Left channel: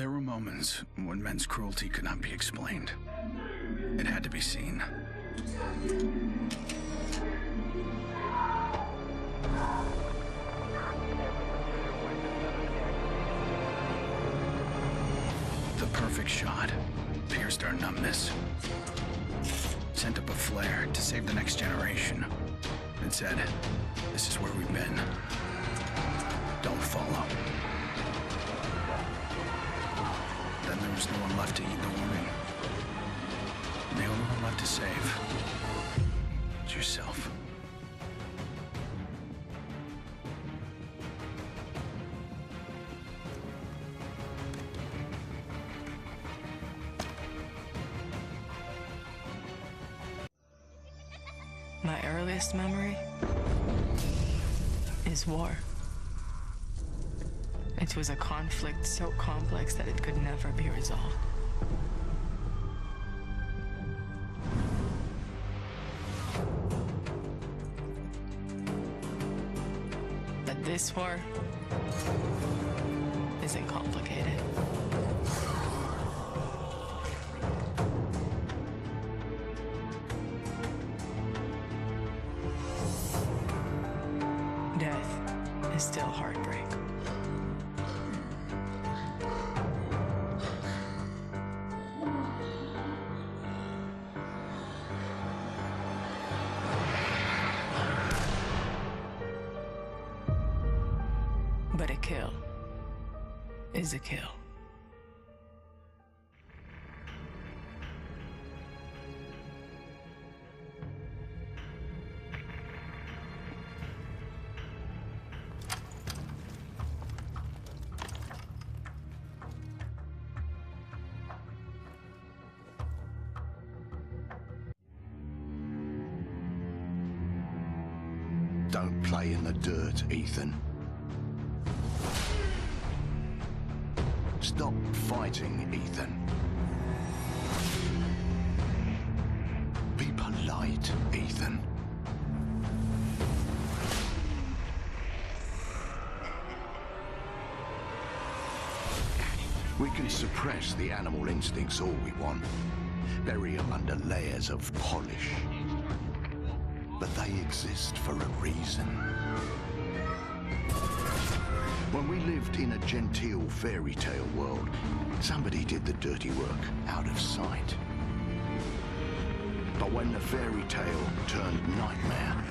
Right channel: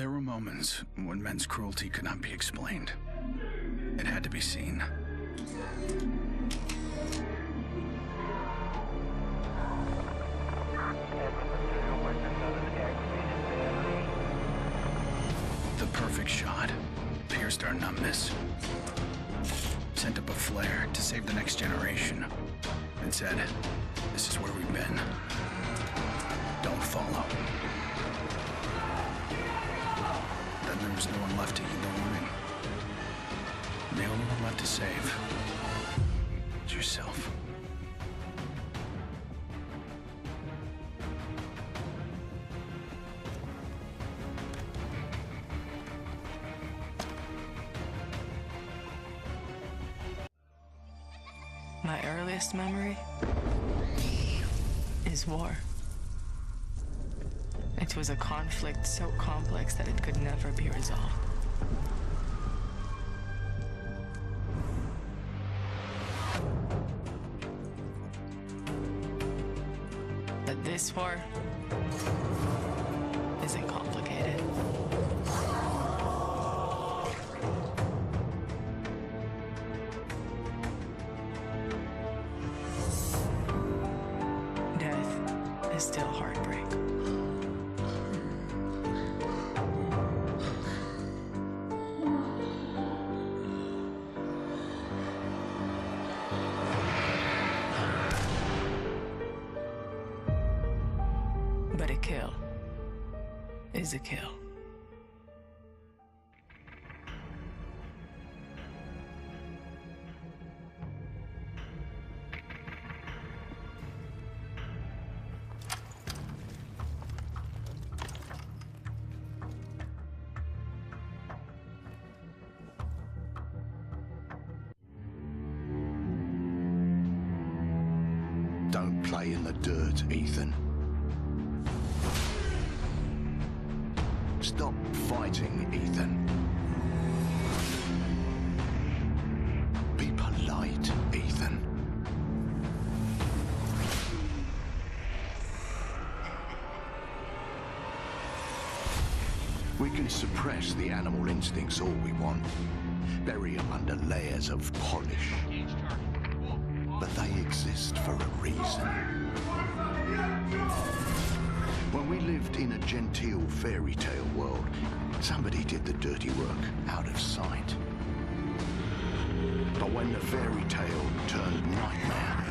There were moments when men's cruelty could not be explained. It had to be seen. The perfect shot pierced our numbness, sent up a flare to save the next generation, and said, "This is where we've been. Don't follow." Then there was no one left to heed the warning. The only one left to save is yourself. My earliest memory is war. It was a conflict so complex that it could never be resolved. But this war isn't complicated. Death is still heartbreak. But a kill is a kill. Don't play in the dirt, Ethan. Stop fighting, Ethan. Be polite, Ethan. We can suppress the animal instincts all we want, bury them under layers of polish. But they exist for a reason. When we lived in a genteel fairy tale world, somebody did the dirty work out of sight. But when the fairy tale turned nightmare,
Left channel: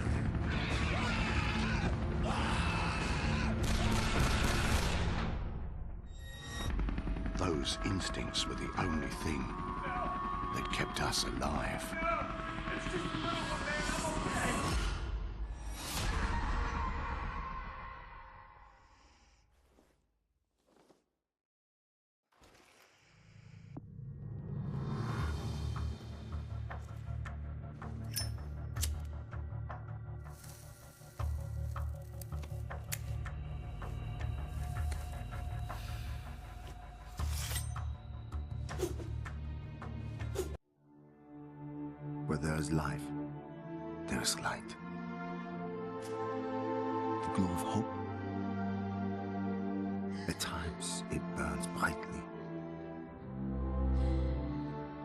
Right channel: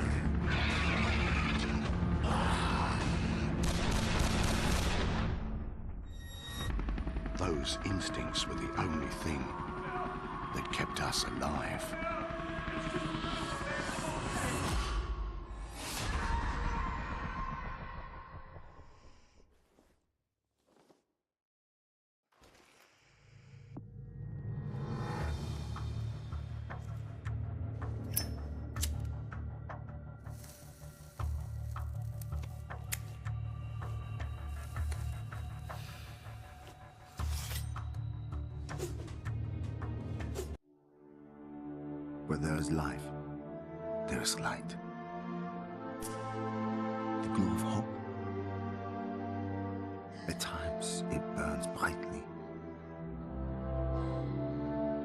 those instincts were the only thing that kept us alive. Where there is life, there is light. The glow of hope. At times, it burns brightly,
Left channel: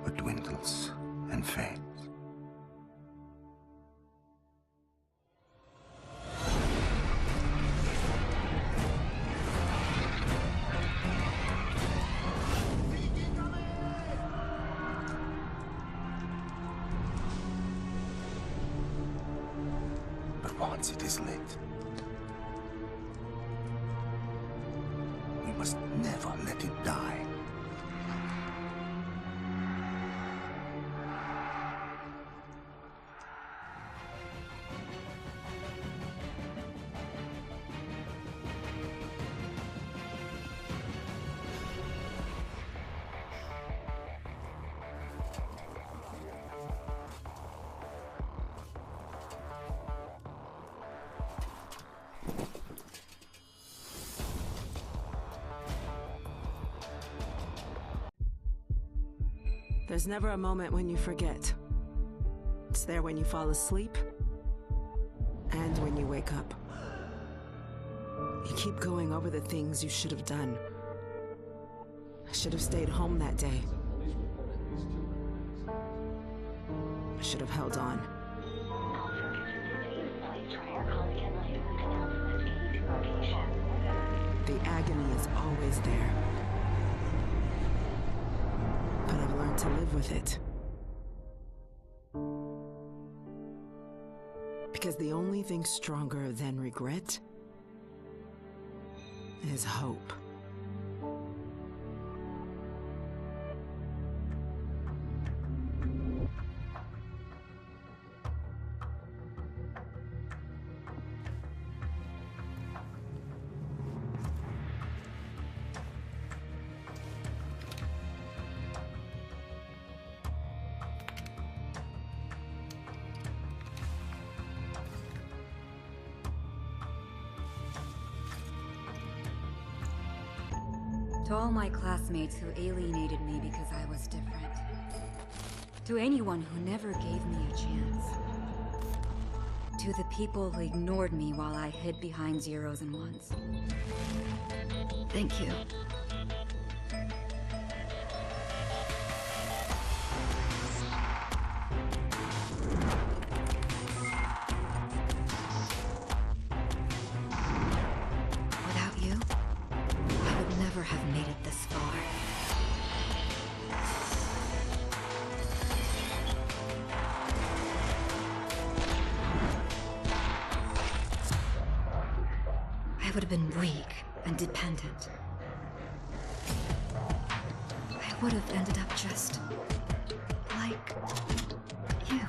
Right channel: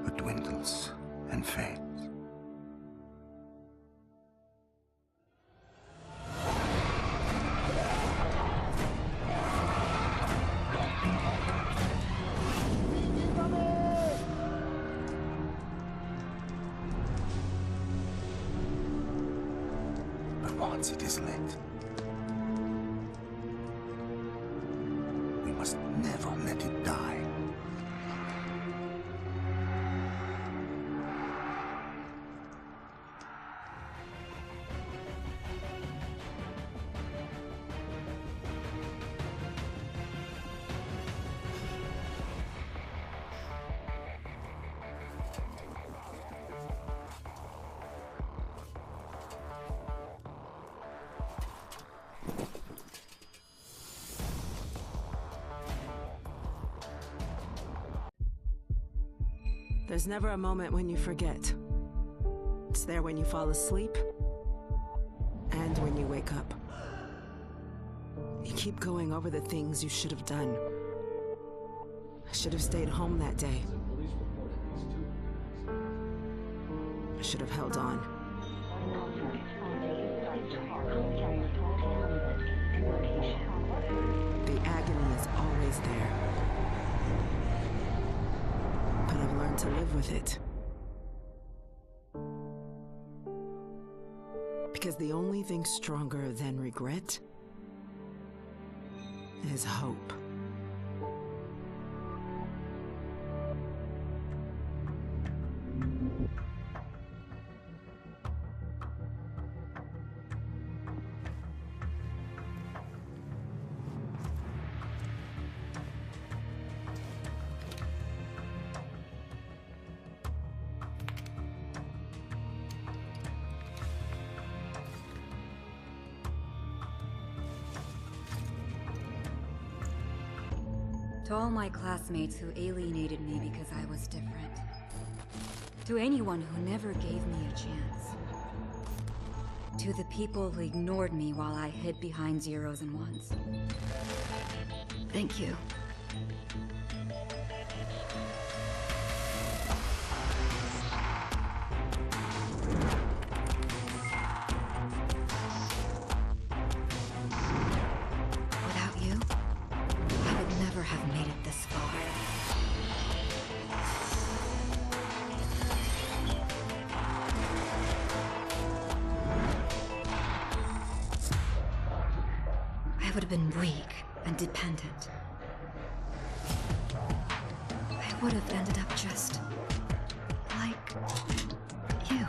but dwindles and fades. Once it is lit, we must never let it die. There's never a moment when you forget. It's there when you fall asleep and when you wake up. You keep going over the things you should have done. I should have stayed home that day. I should have held on. The agony is always there. But I've learned to live with it. Because the only thing stronger than regret is hope. To all my classmates who alienated me because I was different. To anyone who never gave me a chance. To the people who ignored me while I hid behind zeros and ones. Thank you. Without you, I would never have made it this far. I would have been weak and dependent. I would have ended up just like you.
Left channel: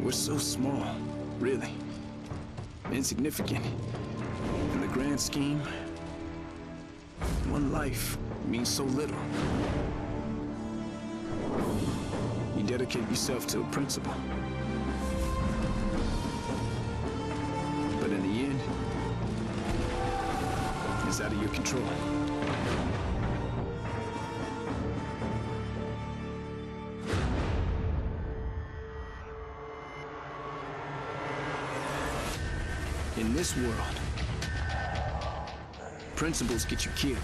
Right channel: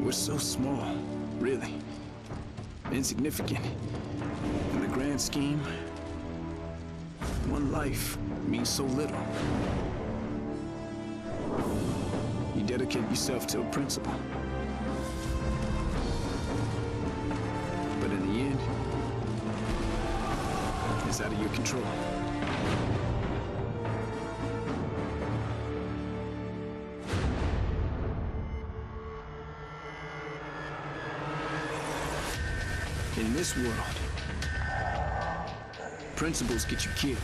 We're so small, really. Insignificant. In the grand scheme, one life means so little. You dedicate yourself to a principle. But in the end, it's out of your control. In this world, principles get you killed.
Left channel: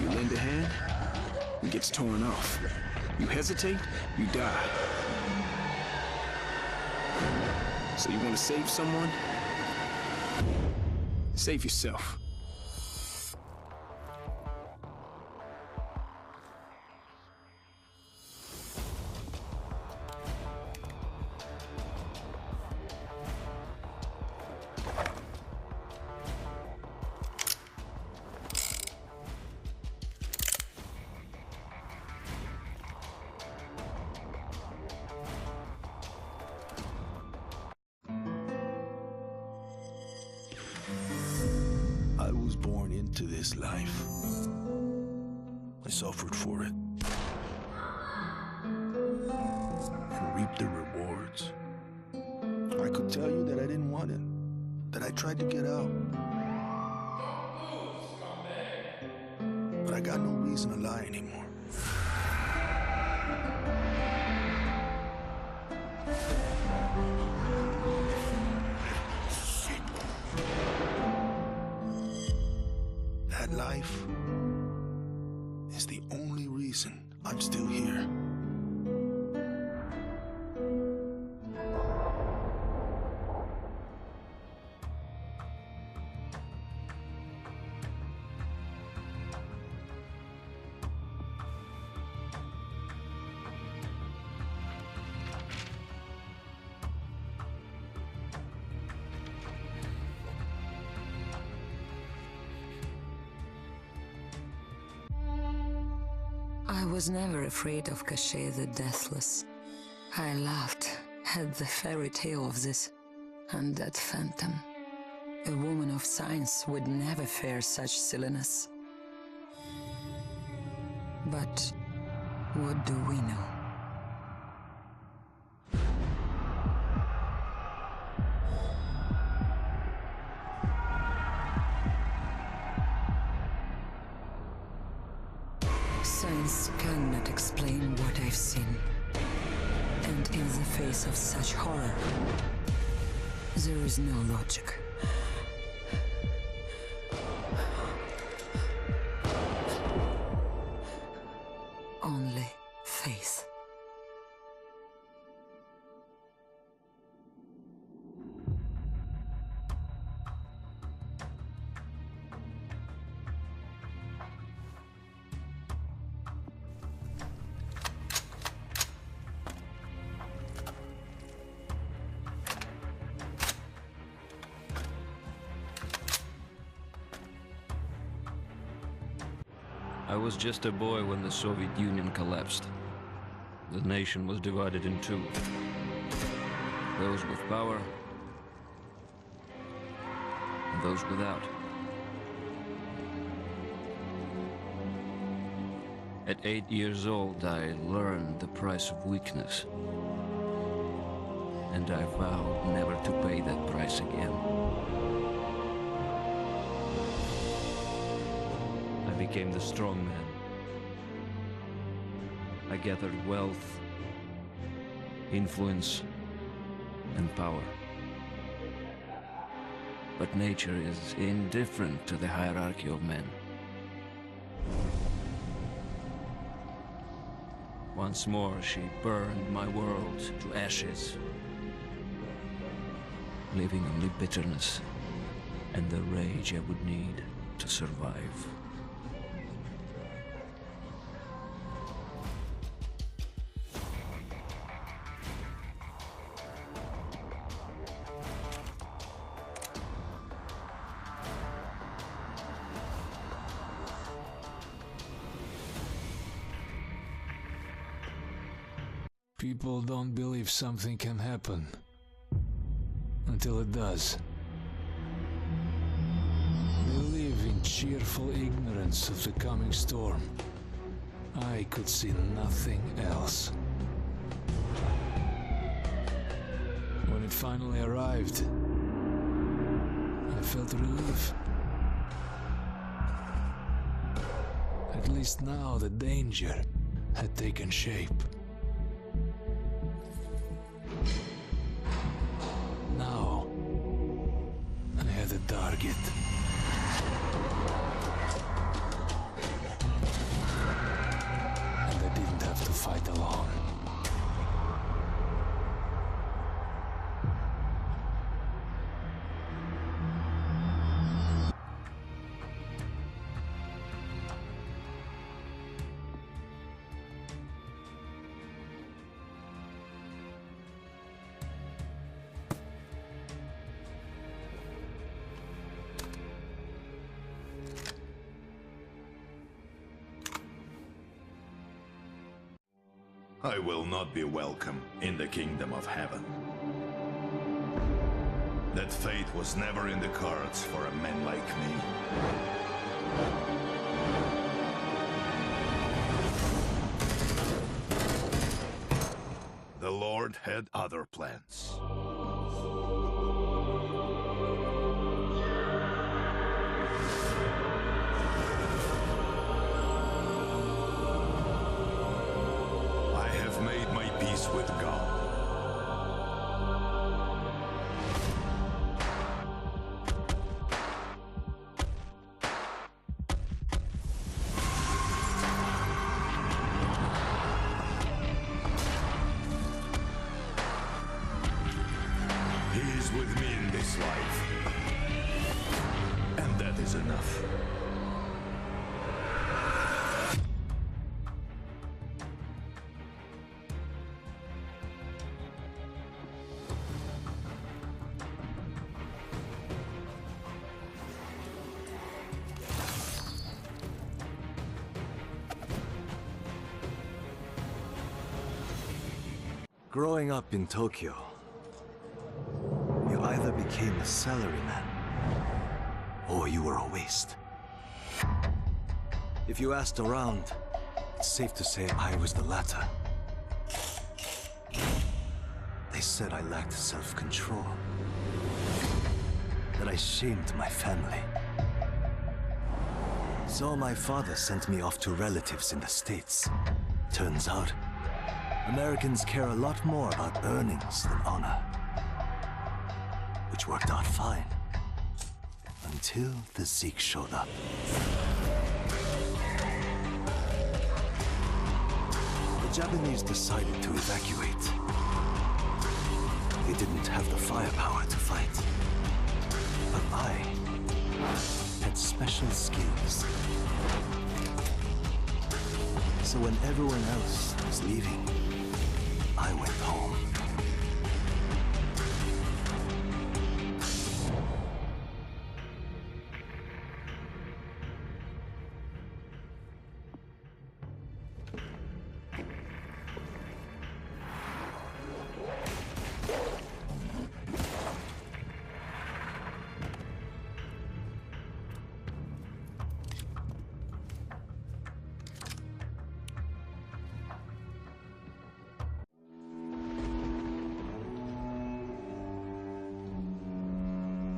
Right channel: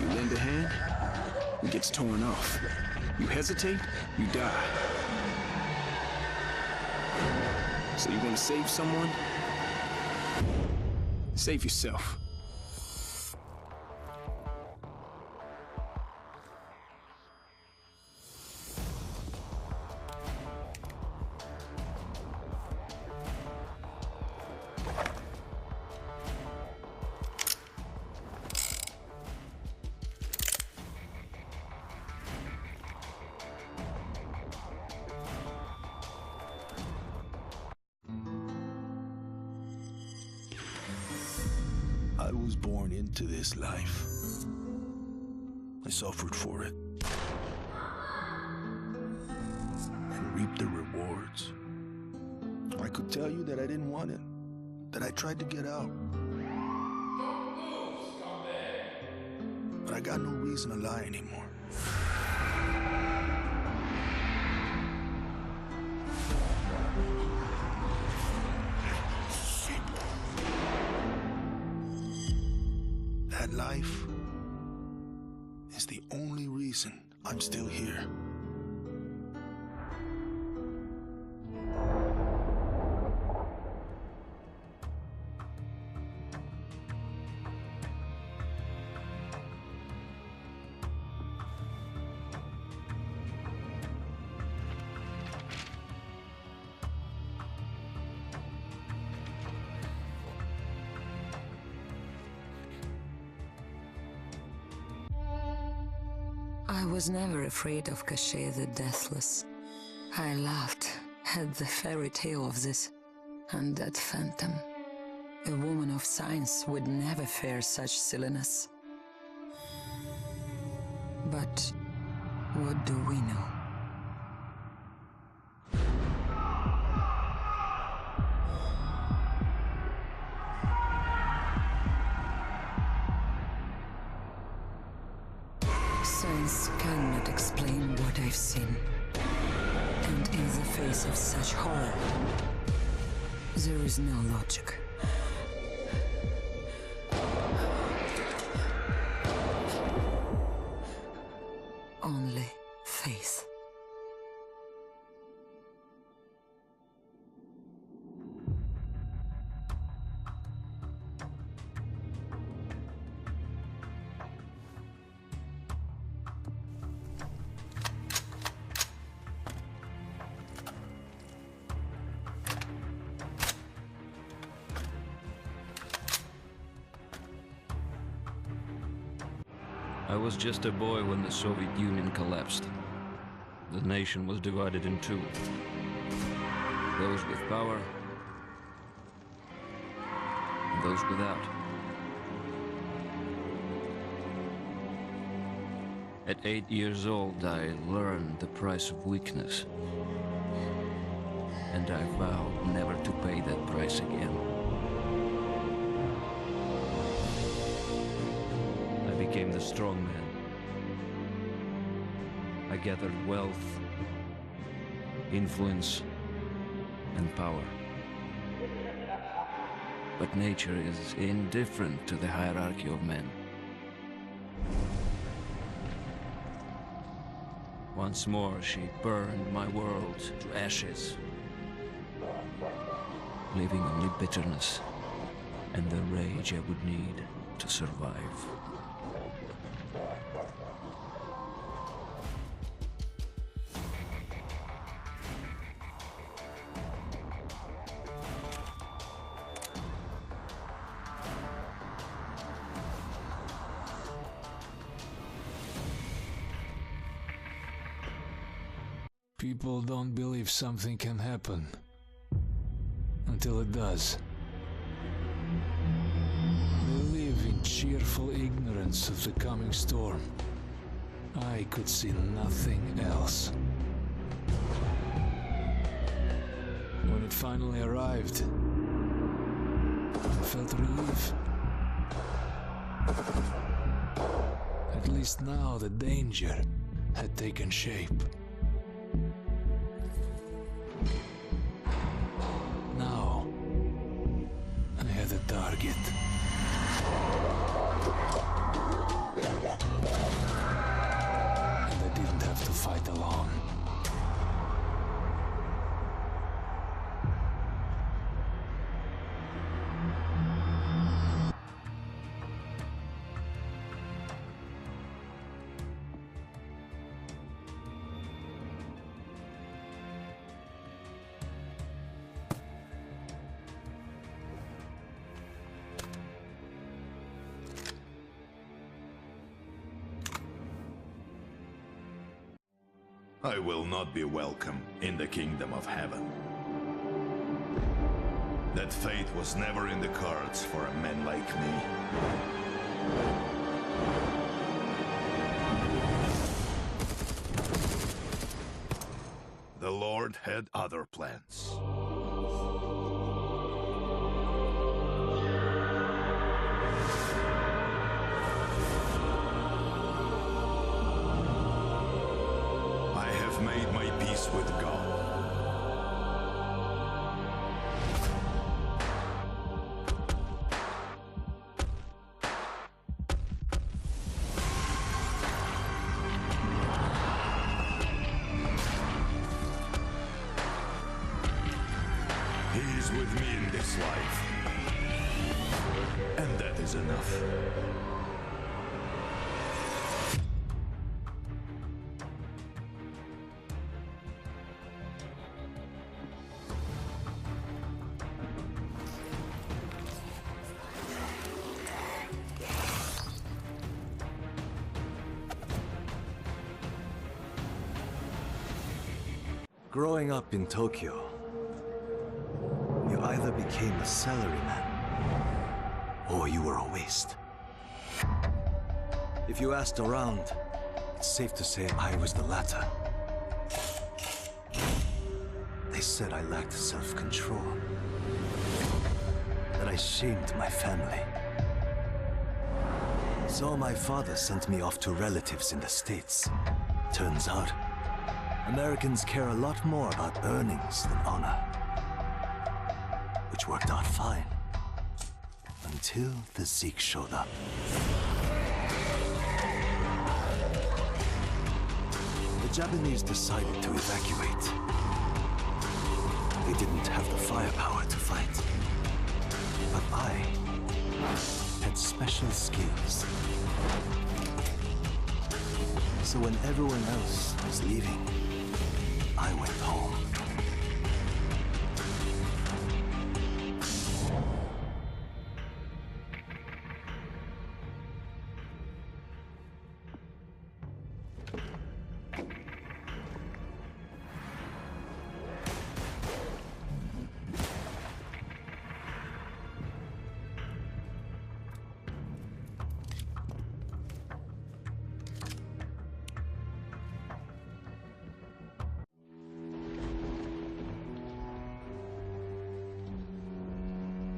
You lend a hand, it gets torn off. You hesitate, you die. So you want to save someone? Save yourself. I was born into this life. I suffered for it. And reaped the rewards. I could tell you that I didn't want it. That I tried to get out. But I got no reason to lie anymore. That life is the only reason I'm still here. I was never afraid of Cache the Deathless. I laughed at the fairy tale of this undead phantom. A woman of science would never fear such silliness. But what do we know? Science cannot explain what I've seen. And in the face of such horror, there is no logic. Only faith. I was just a boy when the Soviet Union collapsed. The nation was divided in two. Those with power, and those without. At 8 years old, I learned the price of weakness. And I vowed never to pay that price again. I became the strong man. I gathered wealth, influence, and power. But nature is indifferent to the hierarchy of men. Once more, she burned my world to ashes, leaving only bitterness and the rage I would need to survive. People don't believe something can happen until it does. They live in cheerful ignorance of the coming storm. I could see nothing else. When it finally arrived, I felt relief. At least now the danger had taken shape. Now, I had a target. And I didn't have to fight alone. I will not be welcome in the kingdom of heaven. That fate was never in the cards for a man like me. The Lord had other plans. Made my peace with God. He is with me in this life, and that is enough. Growing up in Tokyo, you either became a salaryman, or you were a waste. If you asked around, it's safe to say I was the latter. They said I lacked self-control, that I shamed my family. So my father sent me off to relatives in the States. Turns out, Americans care a lot more about earnings than honor. Which worked out fine. Until the Zeke showed up. The Japanese decided to evacuate. They didn't have the firepower to fight. But I had special skills. So when everyone else was leaving, I went home.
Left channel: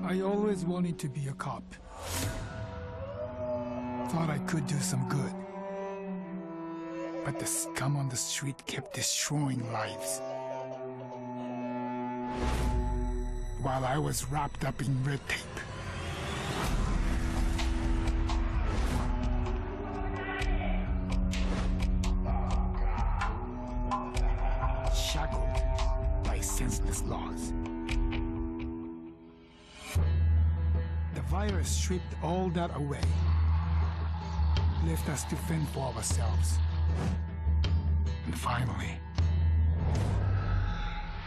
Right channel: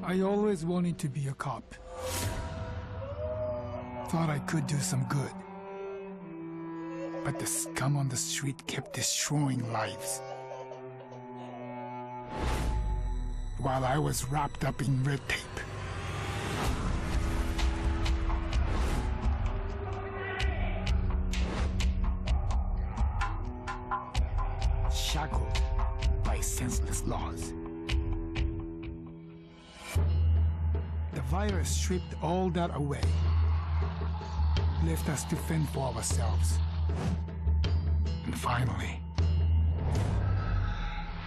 I always wanted to be a cop. Thought I could do some good. But the scum on the street kept destroying lives. While I was wrapped up in red tape. Shackled by senseless laws. The virus stripped all that away, left us to fend for ourselves. And finally,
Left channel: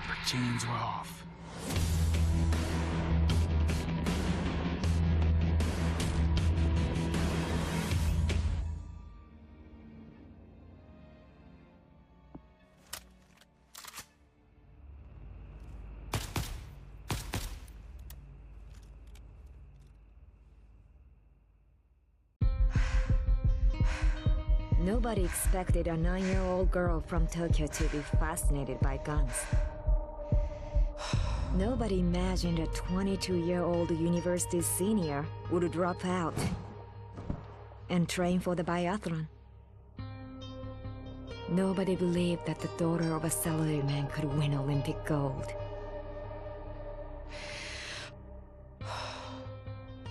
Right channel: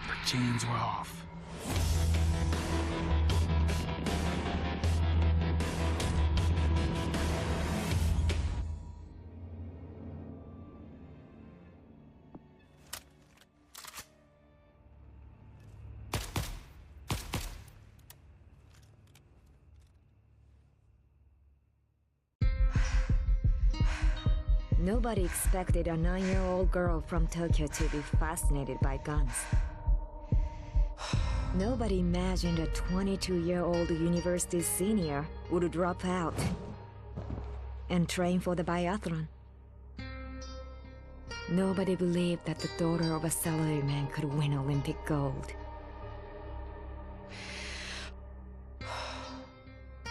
the chains were off. Nobody expected a 9-year-old girl from Tokyo to be fascinated by guns. Nobody imagined a 22-year-old university senior would drop out and train for the biathlon. Nobody believed that the daughter of a salaryman could win Olympic gold.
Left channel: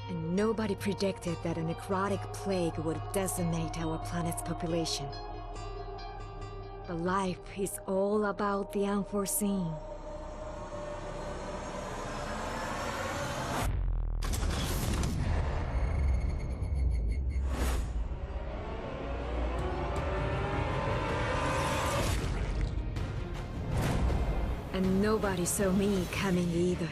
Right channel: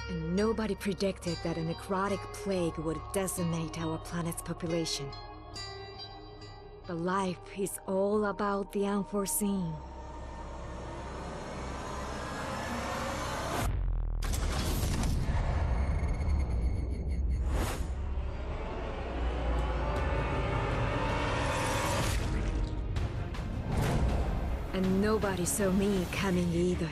And nobody predicted that a necrotic plague would decimate our planet's population. But life is all about the unforeseen. And nobody saw me coming either.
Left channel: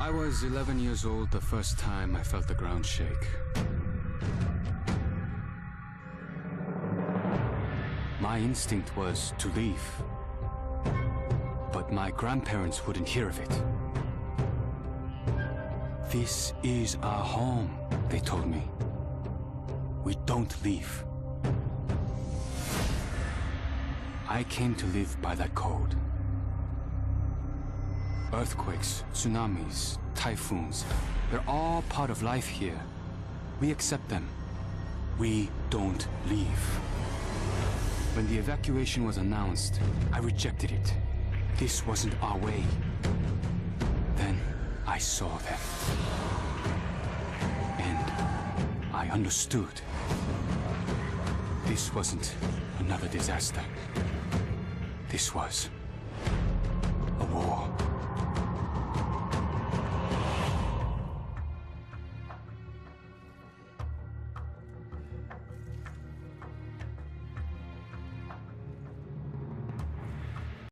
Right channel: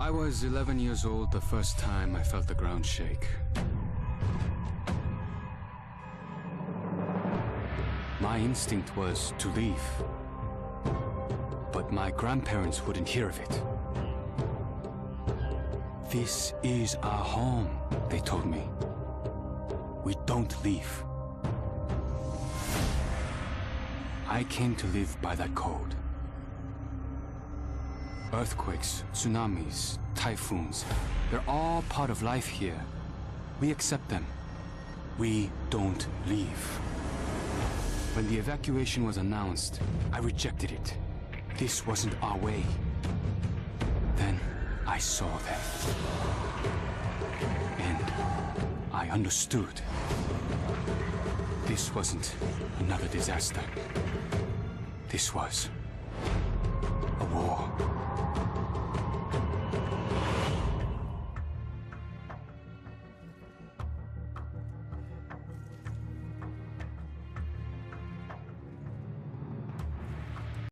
I was 11 years old the first time I felt the ground shake. My instinct was to leave. But my grandparents wouldn't hear of it. This is our home, they told me. We don't leave. I came to live by that code. Earthquakes, tsunamis, typhoons, they're all part of life here. We accept them. We don't leave. When the evacuation was announced, I rejected it. This wasn't our way. Then I saw them. And I understood. This wasn't another disaster. This was a war.